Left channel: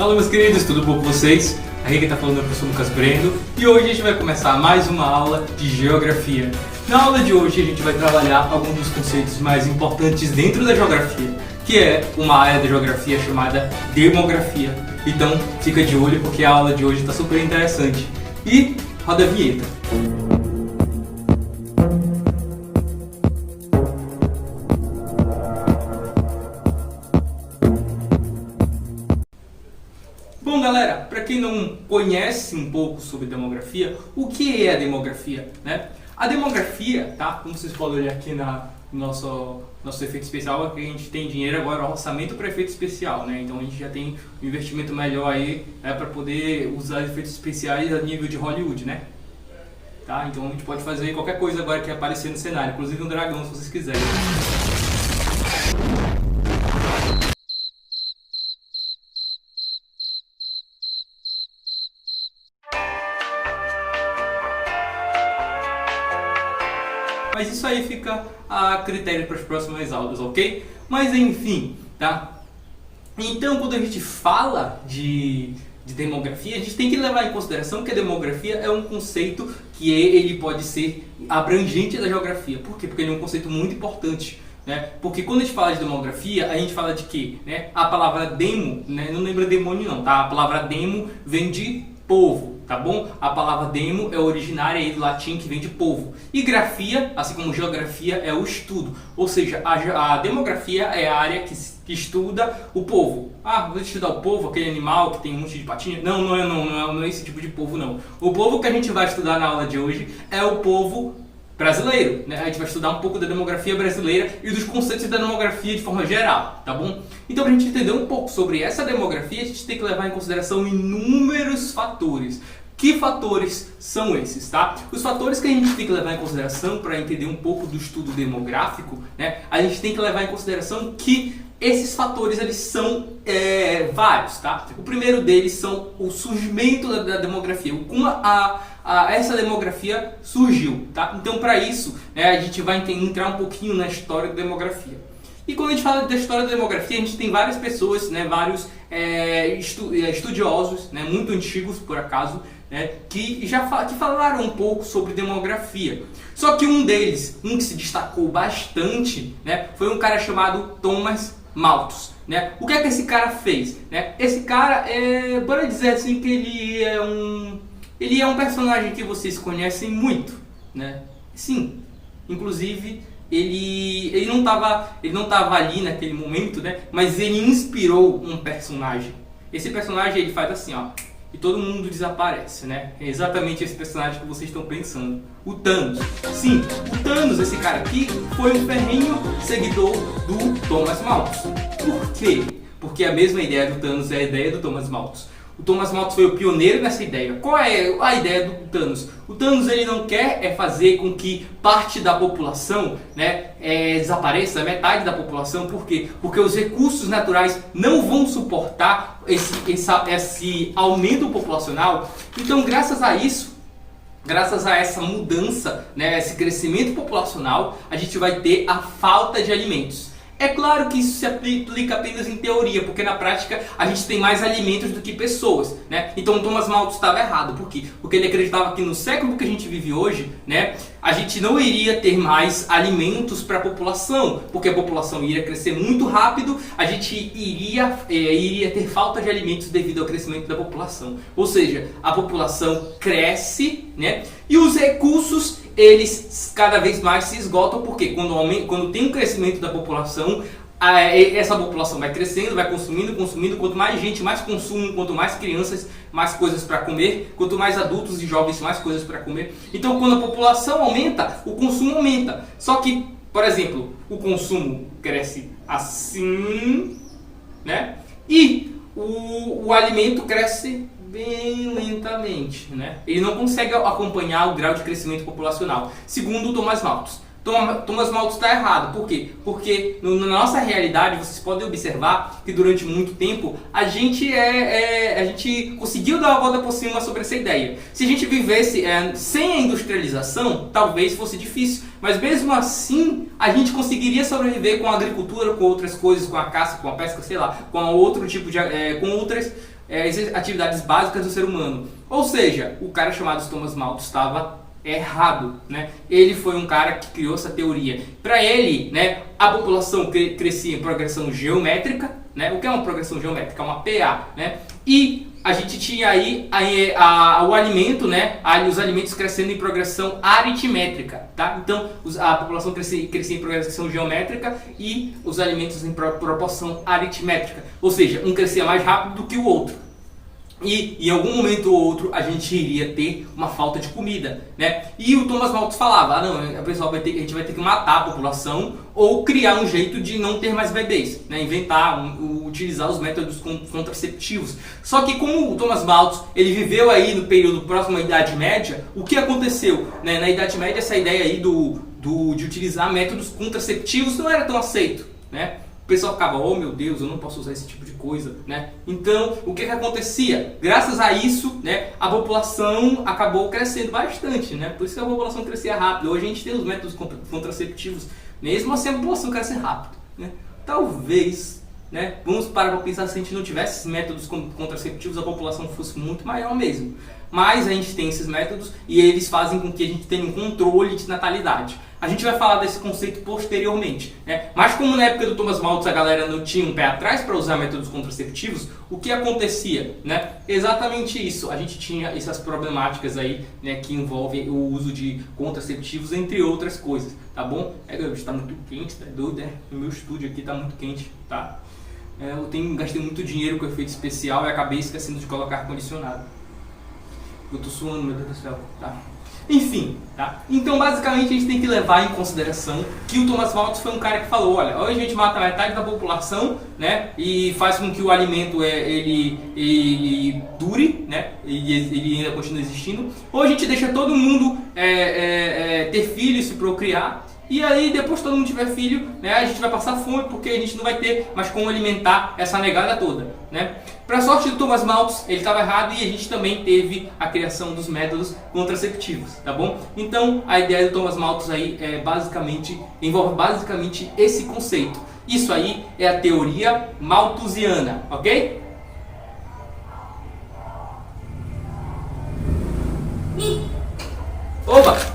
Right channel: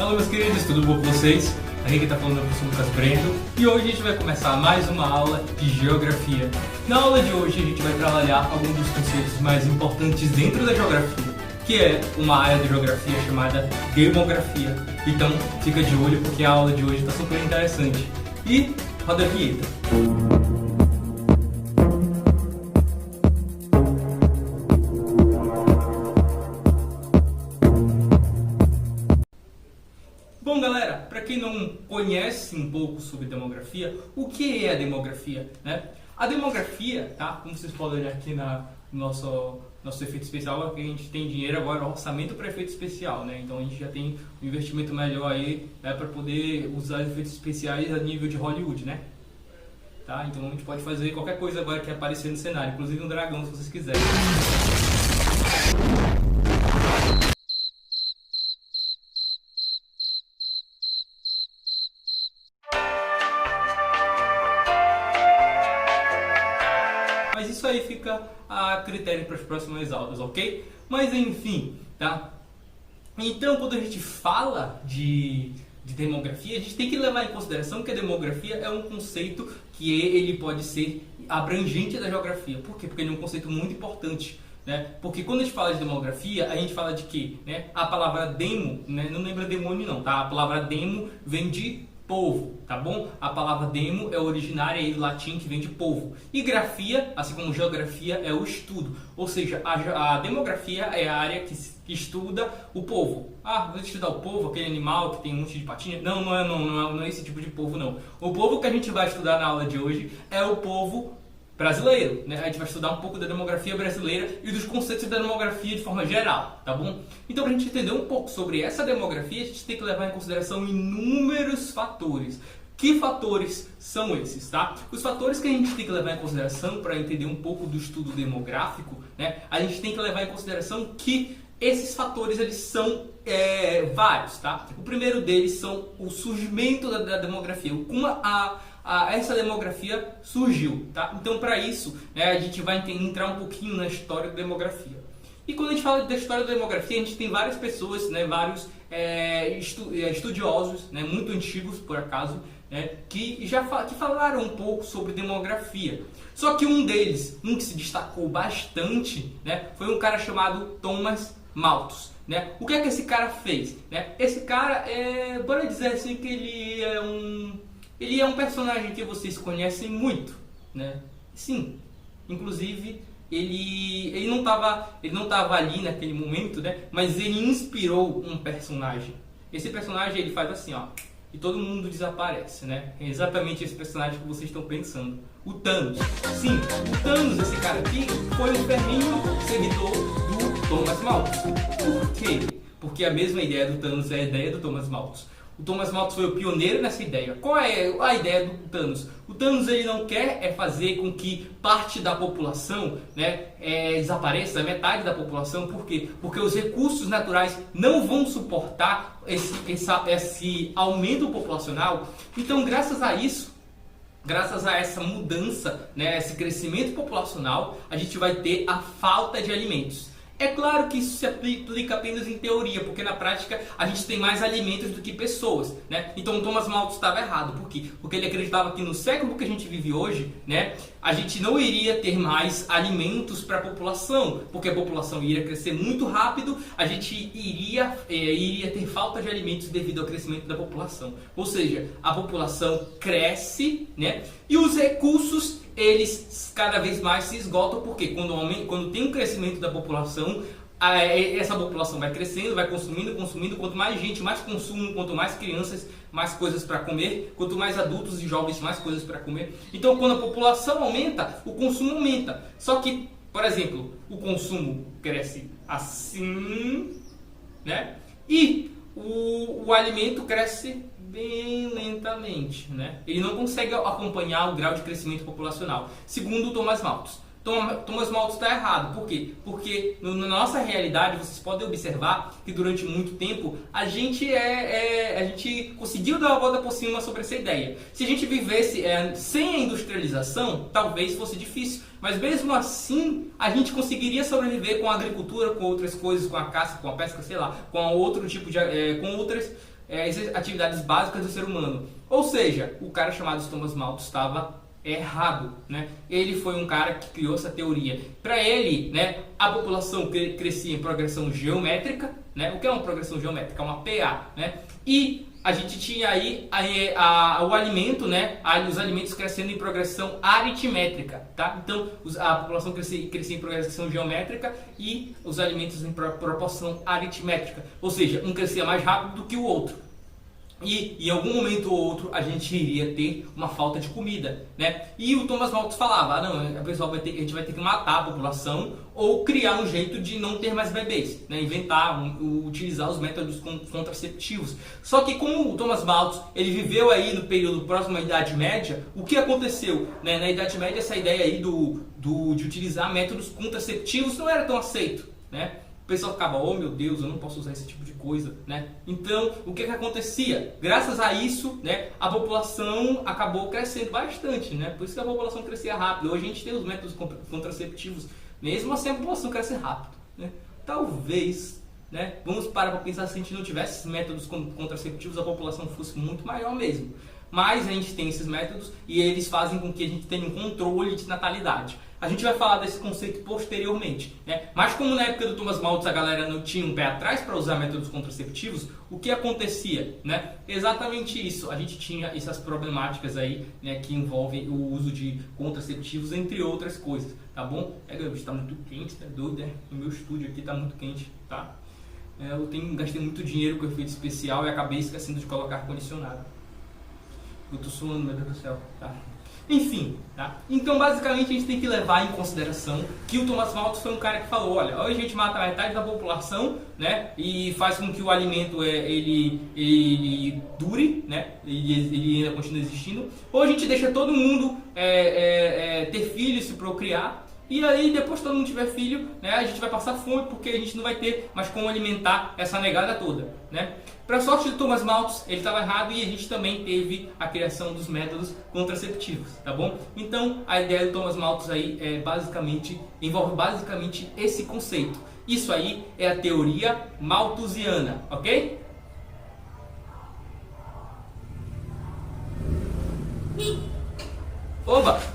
Fala, meus queridos, tudo bom com vocês? Aqui quem está falando é o professor Lucas Brendo e hoje a gente vai começar mais uma aula de geografia. Na aula de hoje a gente vai trabalhar alguns dos conceitos mais importantes dentro da geografia, que é uma área da geografia chamada demografia. Então fica de olho porque a aula de hoje está super interessante. E roda a vinheta. Bom, galera, para quem não conhece um pouco sobre demografia, o que é a demografia, né? A demografia, tá? Como vocês podem olhar aqui no nosso efeito especial, é que a gente tem dinheiro agora, orçamento para efeito especial, né? Então a gente já tem um investimento melhor aí, né, para poder usar efeitos especiais a nível de Hollywood, né? Tá? Então a gente pode fazer qualquer coisa agora que aparecer no cenário, inclusive um dragão, se vocês quiserem. Mas isso aí fica a critério para as próximas aulas, ok? Mas enfim, tá? Então, quando a gente fala de demografia, a gente tem que levar em consideração que a demografia é um conceito que ele pode ser abrangente da geografia. Por quê? Porque ele é um conceito muito importante, né? Porque quando a gente fala de demografia, a gente fala de quê? Né? A palavra demo, né? Não lembra demônio não, tá? A palavra demo vem de povo, tá bom? A palavra demo é originária aí do latim, que vem de povo. E grafia, assim como geografia, é o estudo. Ou seja, a demografia é a área que estuda o povo. Ah, vou estudar o povo, aquele animal que tem um monte de patinha? Não é esse tipo de povo, não. O povo que a gente vai estudar na aula de hoje é o povo brasileiro, né? A gente vai estudar um pouco da demografia brasileira e dos conceitos da demografia de forma geral, tá bom? Então, para a gente entender um pouco sobre essa demografia, a gente tem que levar em consideração inúmeros fatores. Que fatores são esses, tá? Os fatores que a gente tem que levar em consideração para entender um pouco do estudo demográfico, né? A gente tem que levar em consideração que esses fatores, eles são vários, tá? O primeiro deles são o surgimento da demografia, como essa demografia surgiu, tá? Então, para isso, a gente vai entrar um pouquinho na história da demografia. E quando a gente fala da história da demografia, a gente tem várias pessoas, né, vários estudiosos, né, muito antigos, por acaso, né, que falaram um pouco sobre demografia. Só que um deles, que se destacou bastante, né, foi um cara chamado Thomas Malthus, né? O que é que esse cara fez, né? Esse cara bora dizer assim que ele é um personagem que vocês conhecem muito, né? Sim, inclusive ele não tava ali naquele momento, né? Mas ele inspirou um personagem. Esse personagem, ele faz assim, ó, e todo mundo desaparece, né? É exatamente esse personagem que vocês estão pensando. O Thanos. Sim, o Thanos, esse cara aqui, foi um ferrenho seguidor do Thomas Malthus. Por quê? Porque a mesma ideia do Thanos é a ideia do Thomas Malthus. O Thomas Malthus foi o pioneiro nessa ideia. Qual é a ideia do Thanos? O Thanos, ele não quer fazer com que parte da população, né, desapareça, metade da população. Por quê? Porque os recursos naturais não vão suportar esse aumento populacional. Então, graças a isso, graças a essa mudança, né, esse crescimento populacional, a gente vai ter a falta de alimentos. É claro que isso se aplica apenas em teoria, porque na prática a gente tem mais alimentos do que pessoas, né? Então o Thomas Malthus estava errado. Por quê? Porque ele acreditava que no século que a gente vive hoje, né, a gente não iria ter mais alimentos para a população, porque a população iria crescer muito rápido, a gente iria ter falta de alimentos devido ao crescimento da população. Ou seja, a população cresce, né? E os recursos, eles cada vez mais se esgotam, porque quando tem um crescimento da população, essa população vai crescendo, vai consumindo, quanto mais gente, mais consumo, quanto mais crianças, mais coisas para comer, quanto mais adultos e jovens, mais coisas para comer. Então, quando a população aumenta, o consumo aumenta. Só que, por exemplo, o consumo cresce assim, né? E o alimento cresce bem lentamente, né? Ele não consegue acompanhar o grau de crescimento populacional, segundo o Thomas Malthus. Thomas Malthus está errado. Por quê? Porque na nossa realidade, vocês podem observar que durante muito tempo a gente conseguiu dar uma volta por cima sobre essa ideia. Se a gente vivesse sem a industrialização, talvez fosse difícil. Mas mesmo assim, a gente conseguiria sobreviver com a agricultura, com outras coisas, com a caça, com a pesca, sei lá, com outro tipo de, com outras atividades básicas do ser humano. Ou seja, o cara chamado Thomas Malthus estava errado, né? Ele foi um cara que criou essa teoria. Para ele, né, a população crescia em progressão geométrica, né? O que é uma progressão geométrica? É uma PA, né? E a gente tinha aí o alimento, né? Os alimentos crescendo em progressão aritmétrica, tá? Então a população crescia em progressão geométrica e os alimentos em proporção aritmétrica. Ou seja, um crescia mais rápido do que o outro. E em algum momento ou outro a gente iria ter uma falta de comida, né? E o Thomas Malthus falava, não, a gente vai ter que matar a população ou criar um jeito de não ter mais bebês, né? Inventar, utilizar os métodos contraceptivos. Só que como o Thomas Malthus ele viveu aí no período próximo à Idade Média, o que aconteceu, né? Na Idade Média essa ideia aí de utilizar métodos contraceptivos não era tão aceito, né? O pessoal ficava, oh meu Deus, eu não posso usar esse tipo de coisa, né? Então, o que acontecia? Graças a isso, né, a população acabou crescendo bastante, né? Por isso que a população crescia rápido. Hoje a gente tem os métodos contraceptivos, mesmo assim a população cresce rápido, né? Talvez, né, vamos parar para pensar, se a gente não tivesse esses métodos contraceptivos, a população fosse muito maior mesmo. Mas a gente tem esses métodos e eles fazem com que a gente tenha um controle de natalidade. A gente vai falar desse conceito posteriormente, né? Mas como na época do Thomas Malthus a galera não tinha um pé atrás para usar métodos contraceptivos, o que acontecia, né? Exatamente isso. A gente tinha essas problemáticas aí, né, que envolvem o uso de contraceptivos, entre outras coisas, tá bom? Está muito quente, tá doido, né? O meu estúdio aqui está muito quente, tá? Eu gastei muito dinheiro com efeito especial e acabei esquecendo de colocar ar-condicionado. Eu tô suando, meu Deus do céu, tá? Enfim, tá? Então basicamente a gente tem que levar em consideração que o Thomas Malthus foi um cara que falou, olha, hoje a gente mata metade da população, né? E faz com que o alimento ele dure, né? E ele ainda continue existindo. Ou a gente deixa todo mundo ter filhos, se procriar. E aí, depois que todo mundo tiver filho, né, a gente vai passar fome porque a gente não vai ter mais como alimentar essa negada toda, né? Para sorte do Thomas Malthus, ele estava errado e a gente também teve a criação dos métodos contraceptivos, tá bom? Então, a ideia do Thomas Malthus aí envolve basicamente esse conceito. Isso aí é a teoria malthusiana, ok? Opa!